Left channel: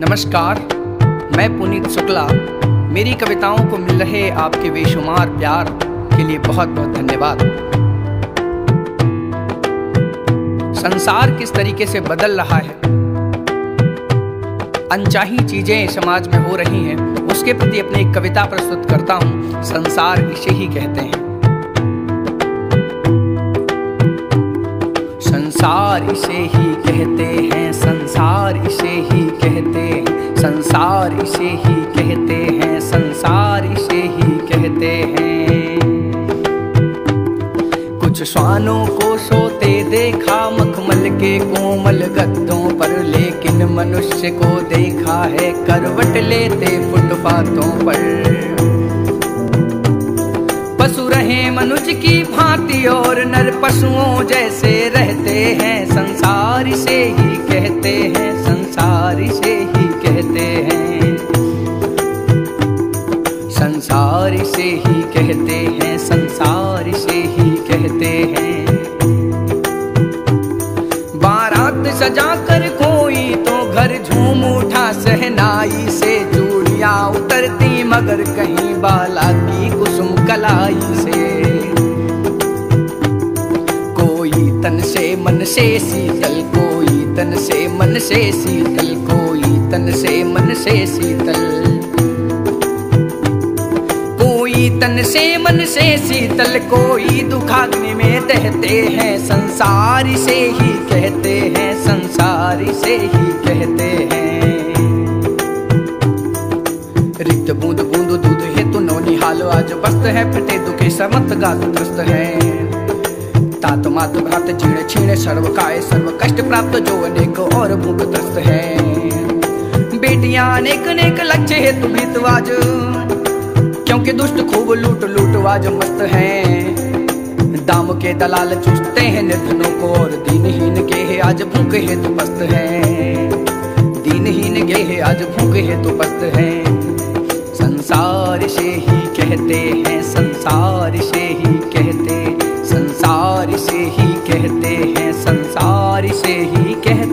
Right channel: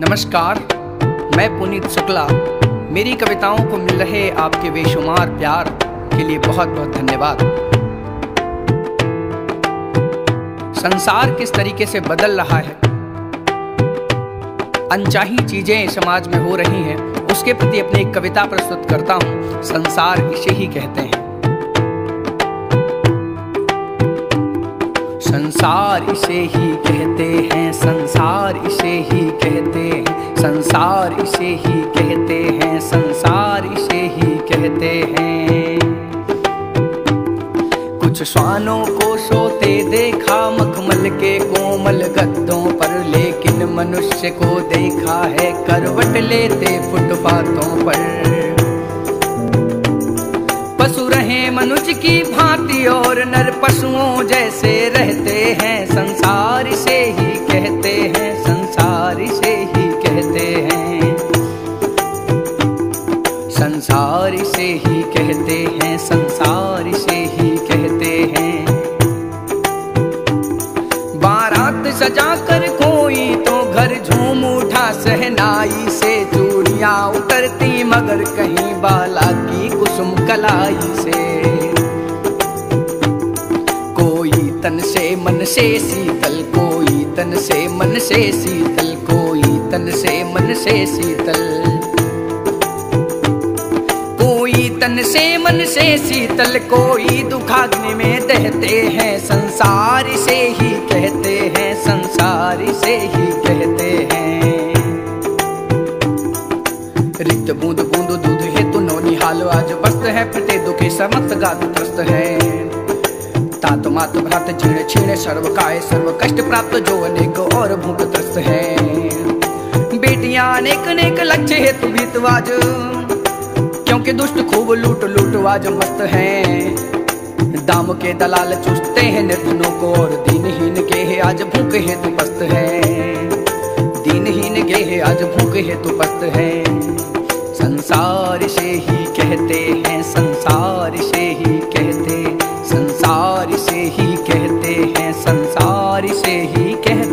नमस्कार, मैं पुनीत शुक्ला। मेरी कविताओं को मिल रहे आपके बेशुमार प्यार के लिए बहुत बहुत धन्यवाद। संसार किस तरीके से बदल रहा है, अनचाही चीजें समाज में हो रही हैं, उसके प्रति अपनी एक कविता प्रस्तुत करता हूँ। संसार इसे ही कहते हैं। संसार इसे ही कहते हैं, संसार इसे ही कहते हैं, संसार इसे ही कहते हैं, संसार इसे ही कहते हैं। कुछ श्वानों को सोते देखा मखमल के कोमल गद्दों पर, लेकिन मनुष्य को देखा है करवट लेते फुटपाथों पर। पशु रहे मनुष्य की भांति और नर पशुओं जैसे रहते हैं। संसार इसे ही कहते हैं, संसार इसे ही कहते हैं, संसार इसे ही कहते हैं, संसार इसे ही कहते हैं। बारात सजा कर कोई तो घर झूम उठा, सहनाई से चूड़ियां उतरती मगर कहीं बाला की कुसुम कलाई से। कोई तन से मन से शीतल, कोई तन से मन से शीतल, कोई तन से मन से शीतल, कोई तन से मन से शीतल, कोई दुखाग्नि में दहते हैं। संसार इसे ही कहते हैं, संसार इसे ही कहते हैं। रिक्त बूंद बूंद दूध हेतु नौनिहाल आज बस्त है, फटे दुखी समस्त गात त्रस्त है। तात मात भ्रात जीर्ण छीण सर्व काय सर्व कष्ट प्राप्त, जो अनेक और भूख त्रस्त है। बेटियां अनेक अनेक लक्ष्य हेतु भीतवाज, क्योंकि दुष्ट खूब लूट लूटवाज मस्त हैं। दाम के दलाल चूसते हैं निर्धनों को, और दीनहीन के है आज भूखे हेतु पस्त हैं। दीनहीन के है आज भूखे हेतु पस्त हैं। संसार इसे ही कहते हैं, संसार इसे ही कहते, संसार इसे ही कहते हैं, संसार इसे ही कहते